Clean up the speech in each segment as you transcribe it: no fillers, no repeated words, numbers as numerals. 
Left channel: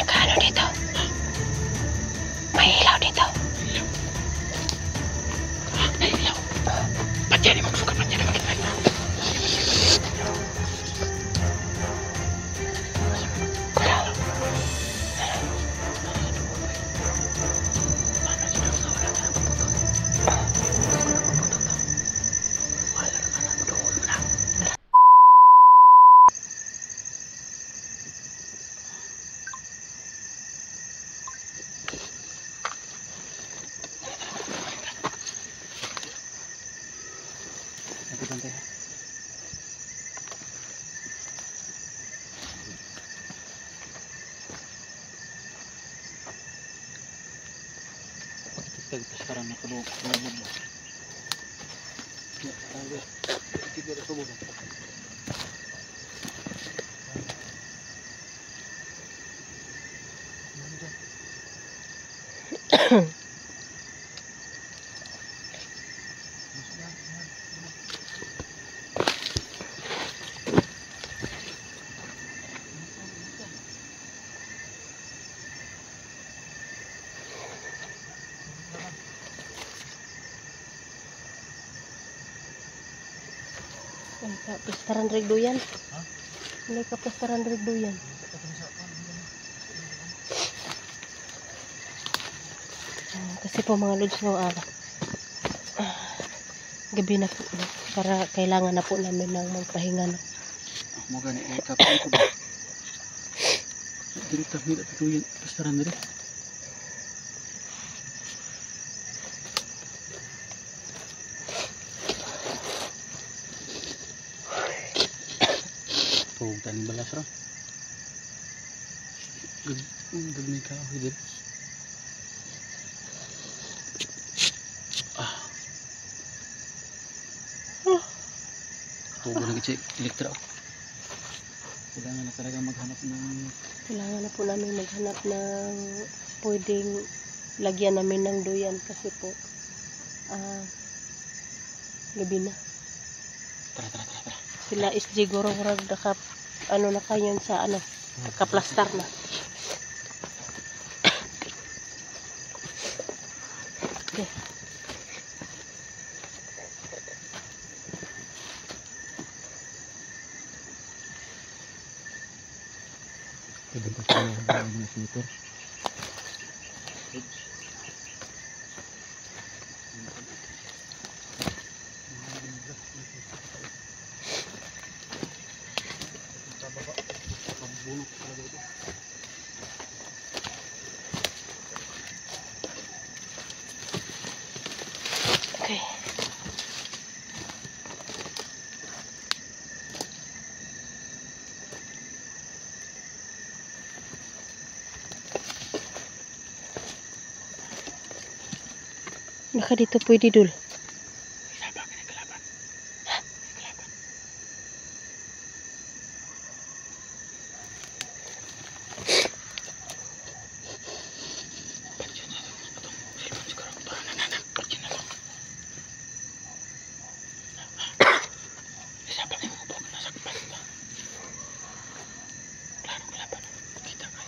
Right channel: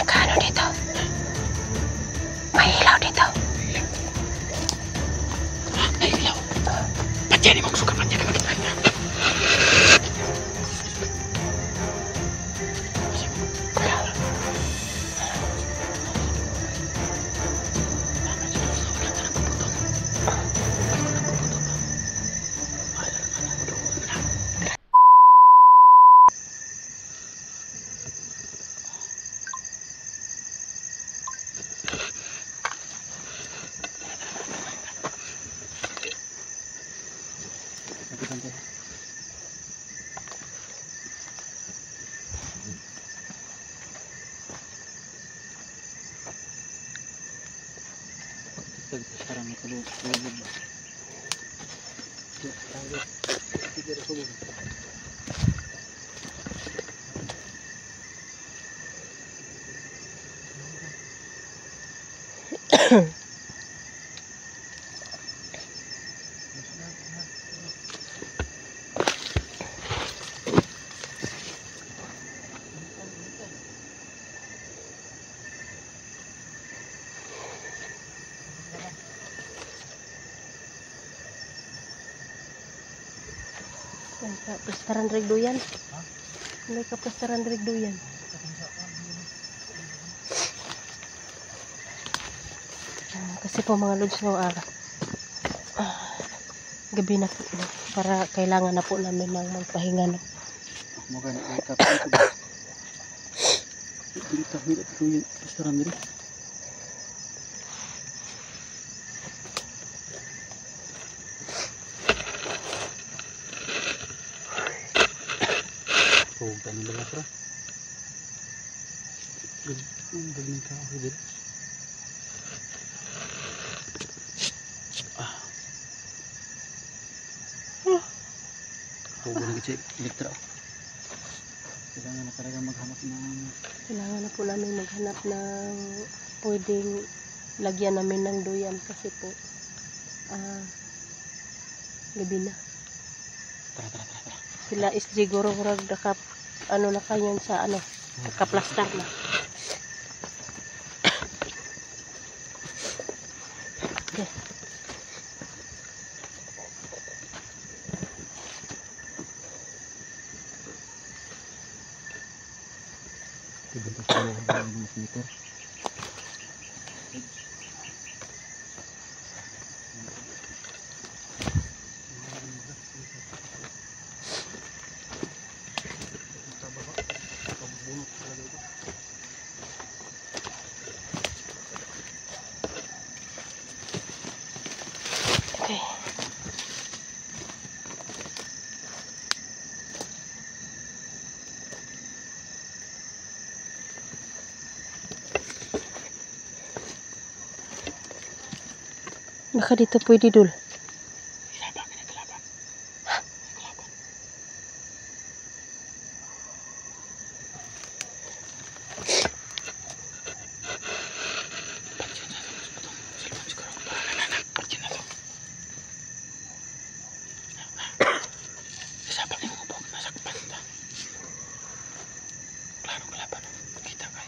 Nakaano dito? May ilaw dito. May ilaw. Ba't yan? Magsuka pa niya. Bantay ha. Pagkitag pa sekarang nakulog ba? Ya, tayo. Tiga na subukan. May kapistaran rigduyan. May kapistaran rigduyan. Kasi po mga lods no, gabi na po, no? Para kailangan na po namin ng magpahinga. No? Moga na kapan ko ba? Dili ta hila to yung restaurant diri. Oh, tani balas ra. Gagmay ka ako diri. Oh, guna gid elektro. Kailangan na talaga maghanap ng... Kailangan na po namin maghanap ng pwedeng lagyan namin ng duyan kasi po gabi na. Tara. Sila is siguro naka ano na kanyan sa ano, nakaplastar na. Okay. Ibig ko ng sniper. Okay. Baka dito pwede dul. Sabang na kalaban. Kalaban. Sabang na ko nasakpan ta. Klaro kalaban. Kita ka.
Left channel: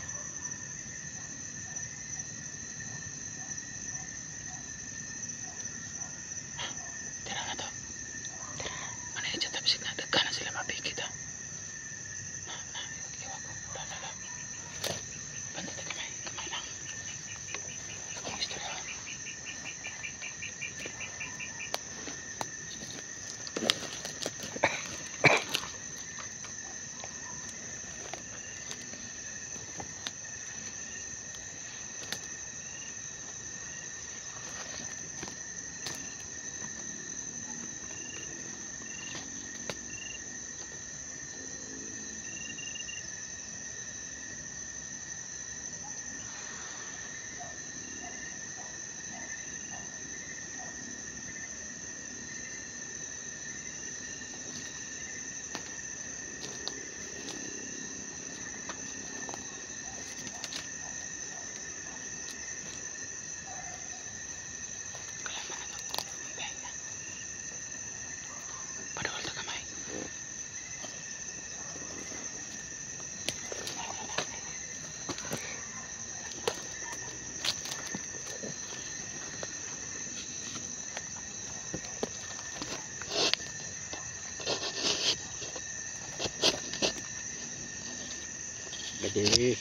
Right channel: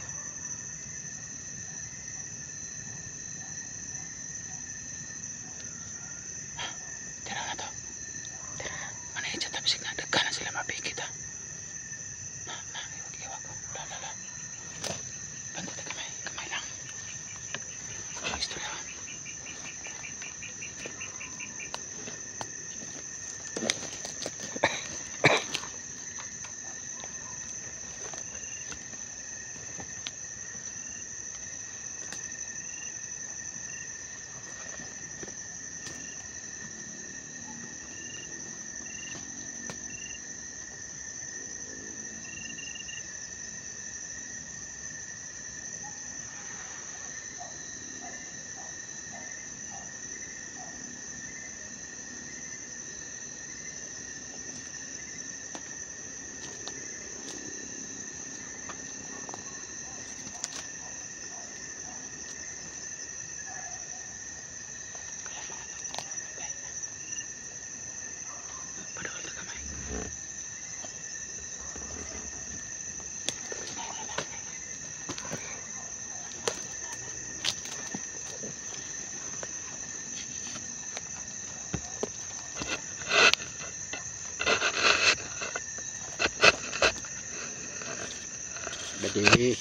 Bade.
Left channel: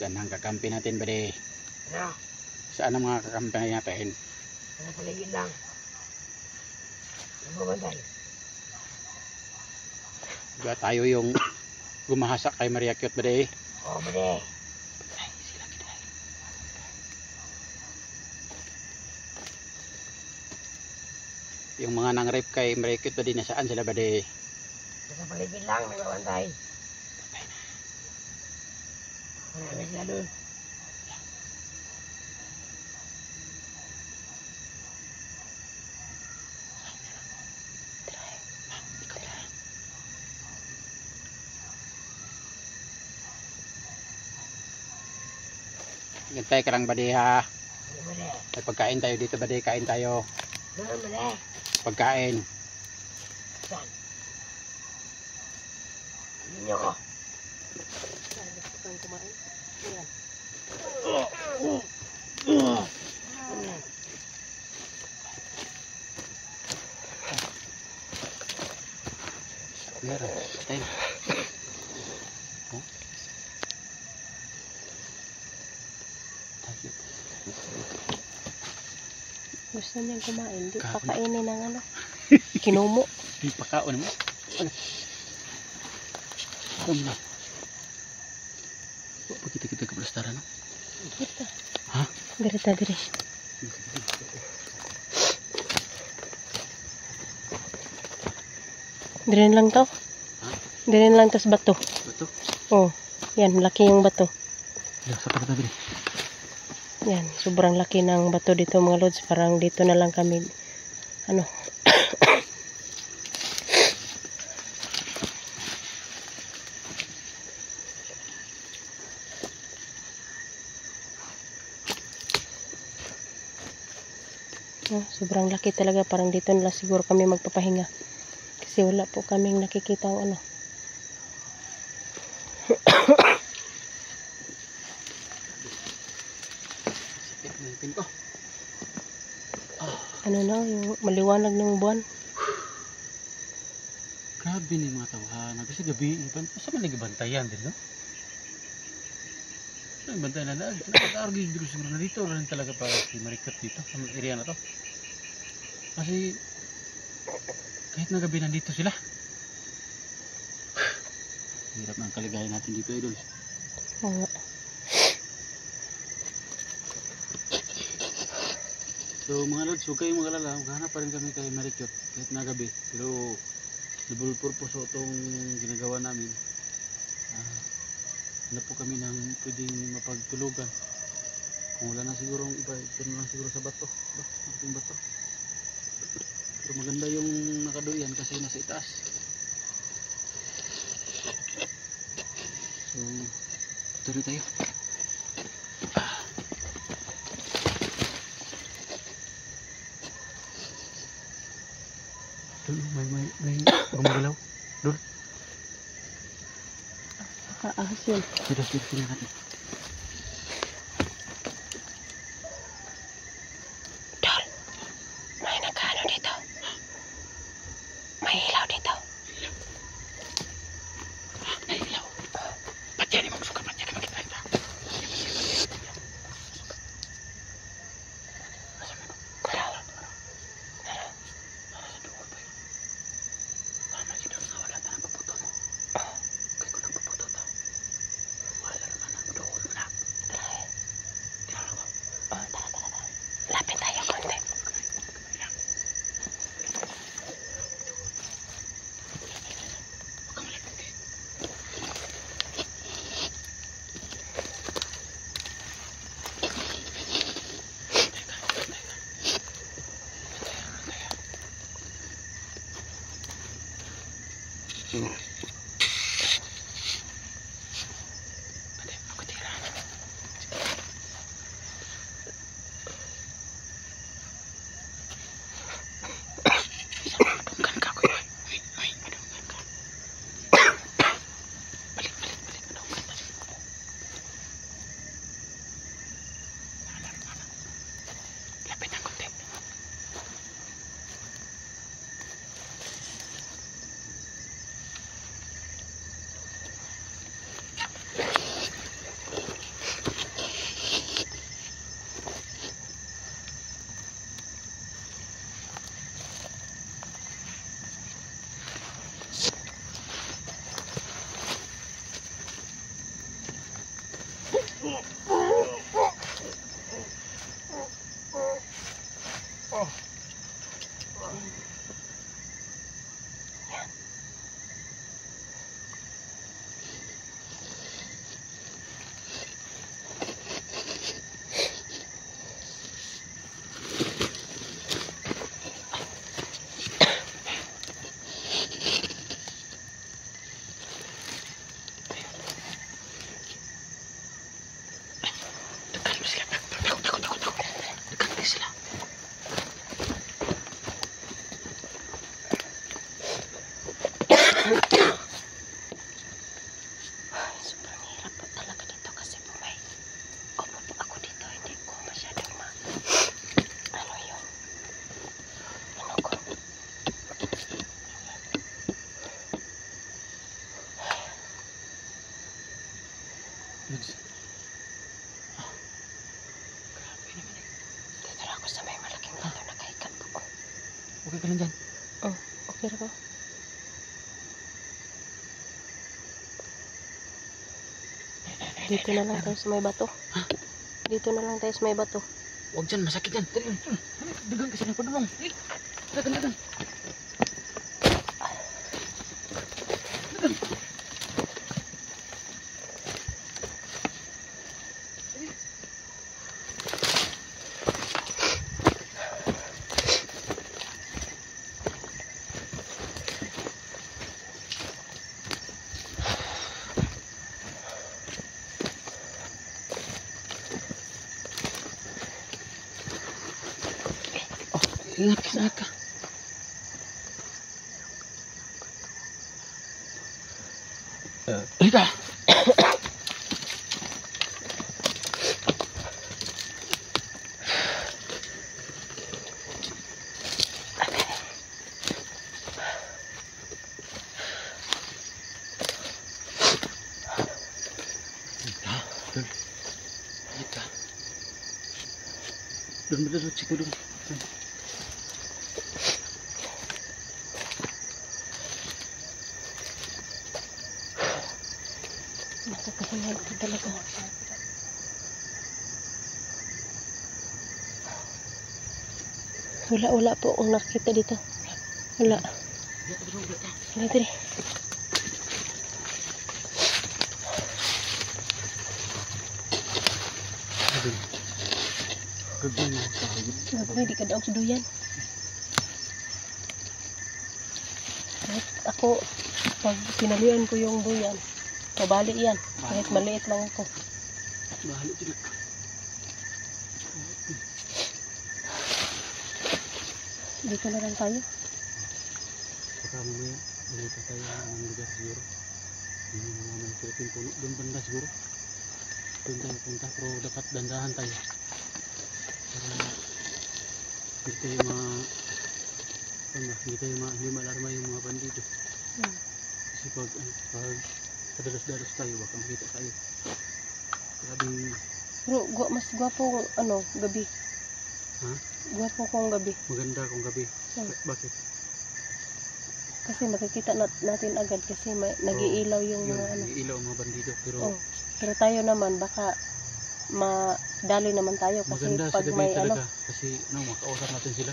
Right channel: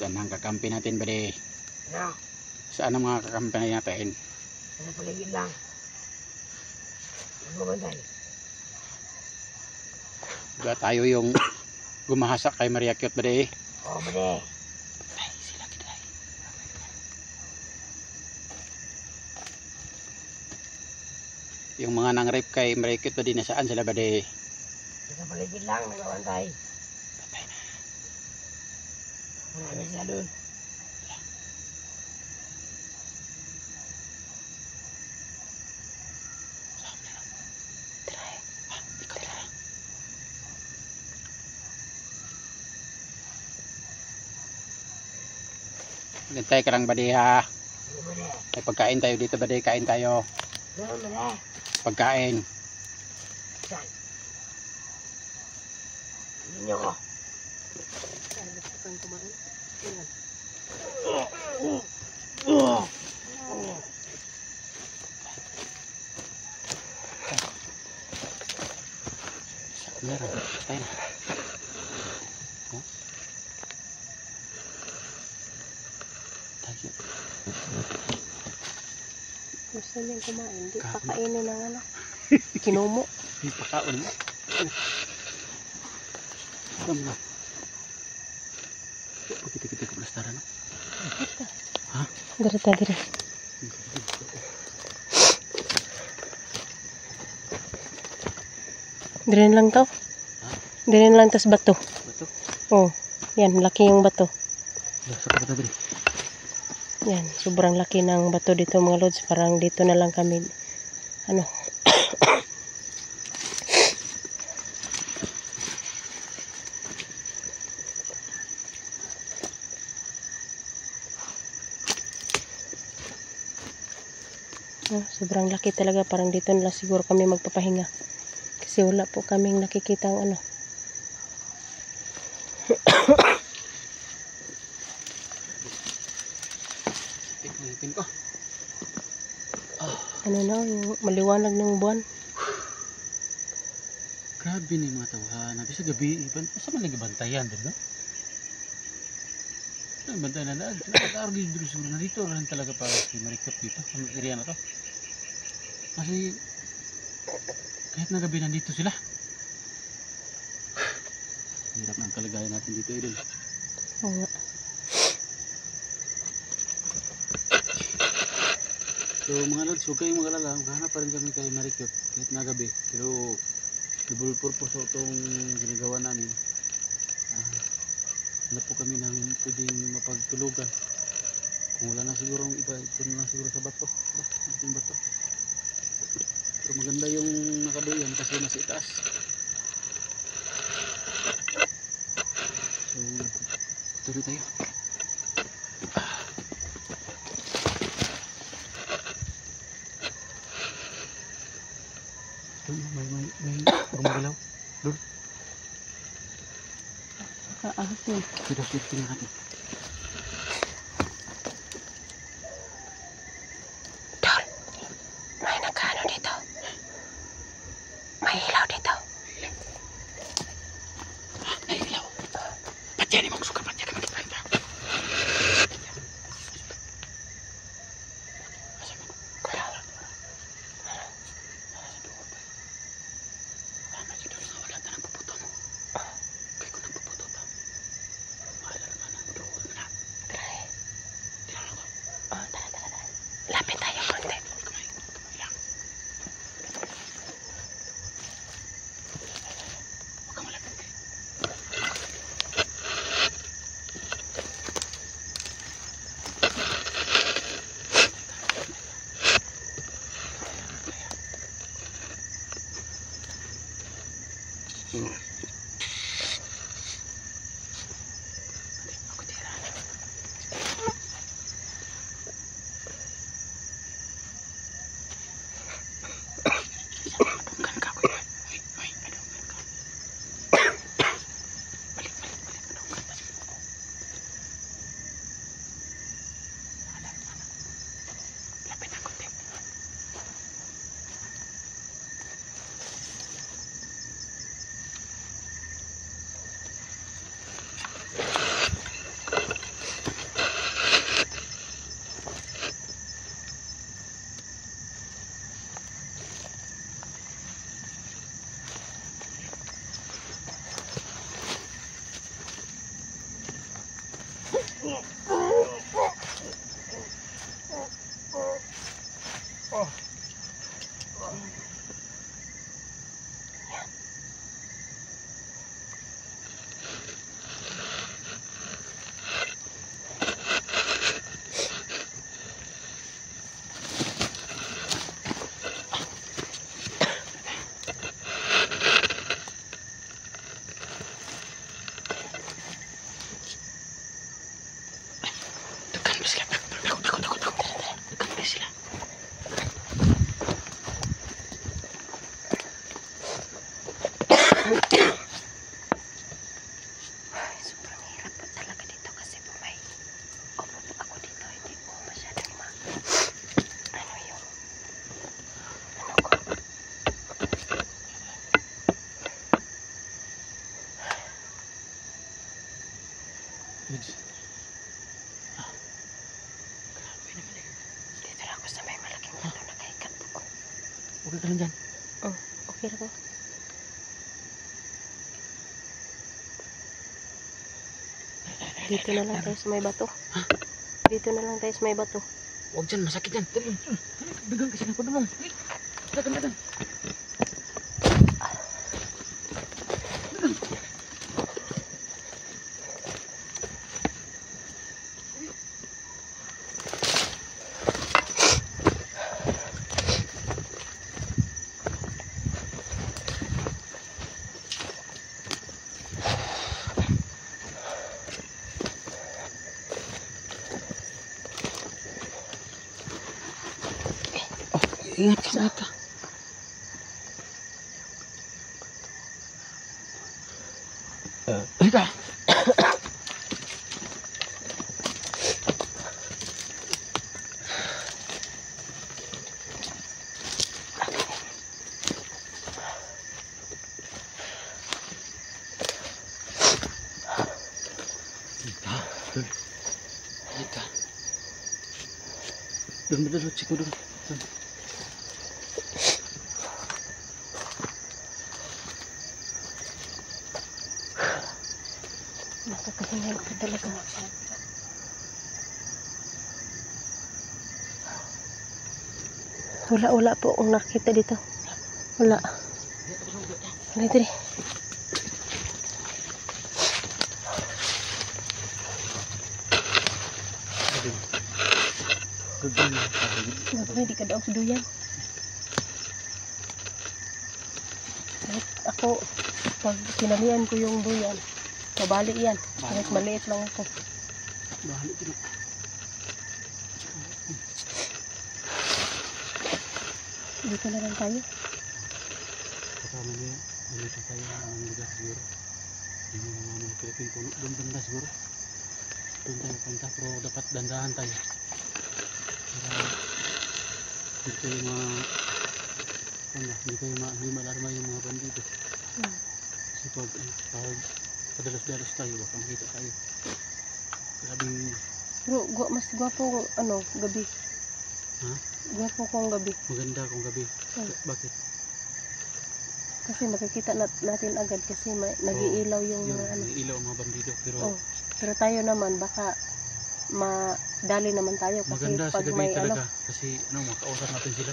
Saan ang kakampi natin, Bade? Ano? Saan ang mga kakampi natin? Ano paligid lang? Nagbabantay. Diba tayo yung gumahasak kay Maria Cute, Bade? Oo, Bade. Yung mga nang-rape kay Maria Cute, Bade, nasaan sila, Bade? Sa paligid lang, nagbabantay. Wala na sila doon. Gantay ka lang, Bade, ha? Ano, Bade? May pagkain tayo dito, Bade. Kain tayo. Ano, Bade? Pagkain. Saan? Ninyo ko. Saan gusto kang kumain? Ayan. Meron. Tayo. Oh. Tayo. Gusto niyang kumain. Di Kain. pakainin ng ano. Kinumo. Pagkaon mo. Ano mo? Kita ke pelestarian. Ito. Hah? Garita, gari. Dirin lang to. Dirin lang tas bato. Betul. Oh, yan. Laki yung bato. Ya, seperti tadi. Yan. Sobrang laki ng bato dito mga lods. Parang dito na lang kami. Ano. Oh, sobrang laki talaga. Parang dito na lang siguro kami magpapahinga. Kasi wala po kaming nakikita ano. Sakit ng ngipin ko. Ano na, yung maliwanag ng buwan. Grabe ni mga tawhan. Nabi sa gabi, sa man nagbantayan din, no? Bantayan na daan. Nag-argue dito siguro na dito. Rin talaga para si Maricot dito. Sa area na to. Kasi kahit na gabi nandito sila. Hirap ng kalagayan natin dito, idol. Oo nga. So mga lods, huwag kayong mag-alala. Maghanap pa rin kami kay Maricot kahit na gabi. Pero double purpose itong ginagawa namin. Hanap po kami ng pwedeng mapagtulugan. Kung wala na siguro ang iba, ito na lang siguro sa bato. Yung bato. Pero maganda yung nakaduyan kasi nasa itaas. So, tuloy tayo. May gumagalaw. Doon. Ahas yun. Sudah natin. Dol, may nagkano dito. May ilaw dito. May ilaw. Ba't yan yung suka? Ba't yan yung magkikanta? Kulaw. Tama si Dol nga wala ta ng puputo mo. Kaya ko nang puputo to. Wala naman ang doon mo na. Tara eh. Tira ako. Oh, tara. Lapit tayo konti. Huwag kang malapit. Bukan ka ko. Balik. Lapit ng konti. Okay ka lang dyan. Oh, okay ra ko. Dito na lang tayo sa may bato. Dito na lang tayo sa may bato. Huwag dyan, masakit yan. Dali, dagang kasi na padulong. Dagan. Ingat ka. Halika. Halika. Doon dulu, Ciko dulu. Nakakahingal ka talaga. Wala po akong nakita dito. Wala. Wala dito. Gagawin, di ka daog sa duyan. Kahit ako, pag sinalian ko yung duyan, kabalik yan. Kahit maliit lang ako. Bahalo din. Dito na lang tayo. Kasama niya, dito tayo ng lugar siguro. Yung mga Philippine puno, doon banda siguro. Doon tayo punta, pero dapat dandahan tayo. Para dito yung hindi tayo hindi malarma yung mga bandido. Kasi pag padalos-dalos tayo, baka makita tayo. Grabing... Pero mas gwapo gabi. Ha? Gwapo kong gabi. Maganda kung gabi. Bakit? Kasi makikita natin agad kasi nag-iilaw yung mga nag-iilaw ang mga bandido. Pero tayo naman, baka madali naman tayo kasi maganda pag sa gabi may talaga. Kasi makausap natin sila.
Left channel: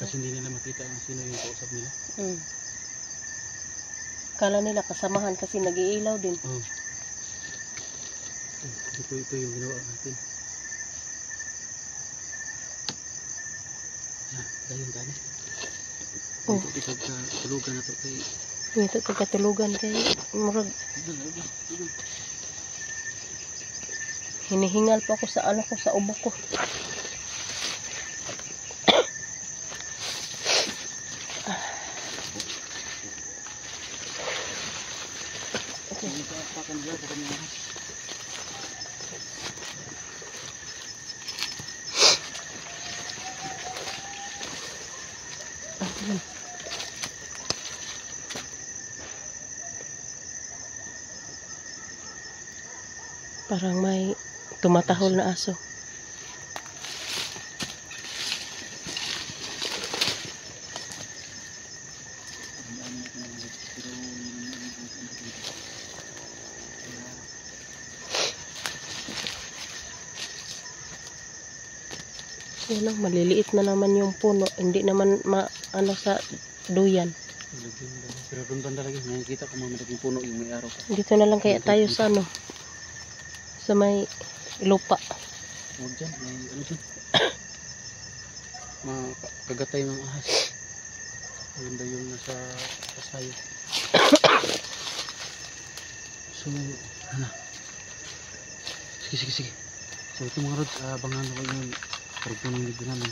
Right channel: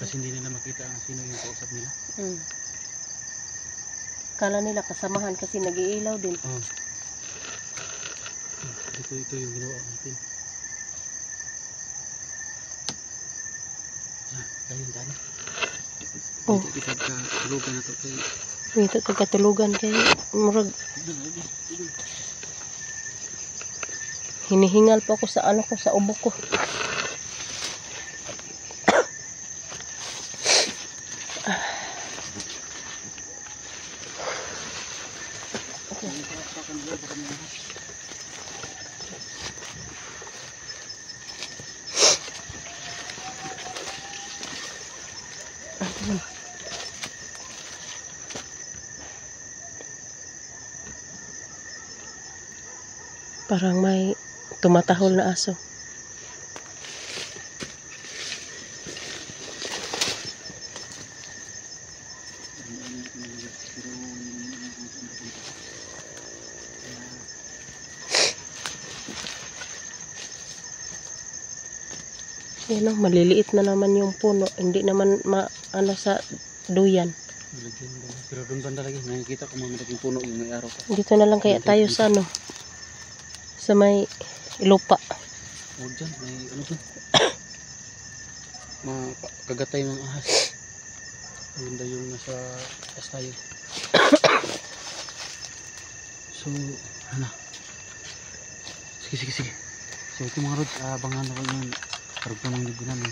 Kasi hindi nila makita sino yung kausap nila. Kala nila kasamahan kasi nag-iilaw din. Ito yung ginawa natin. Ayun tani. Ito katulugan ito kay. Ito katulugan kay murag. Hinihingal po ako sa sa ubo ko. Parang may tumatahol na aso. Yan maliliit na naman yung puno. Hindi naman sa duyan. Pero doon banda lagi, nakikita ko mga malaking puno yung may araw pa. Dito na lang kaya tayo sa sa may lupa. Huwag dyan, may dyan. Mga kagatay ng ahas. Maganda yung nasa kasayo. So, sige. So ito mga rods, abangan na kayo yung karagpunang libo namin.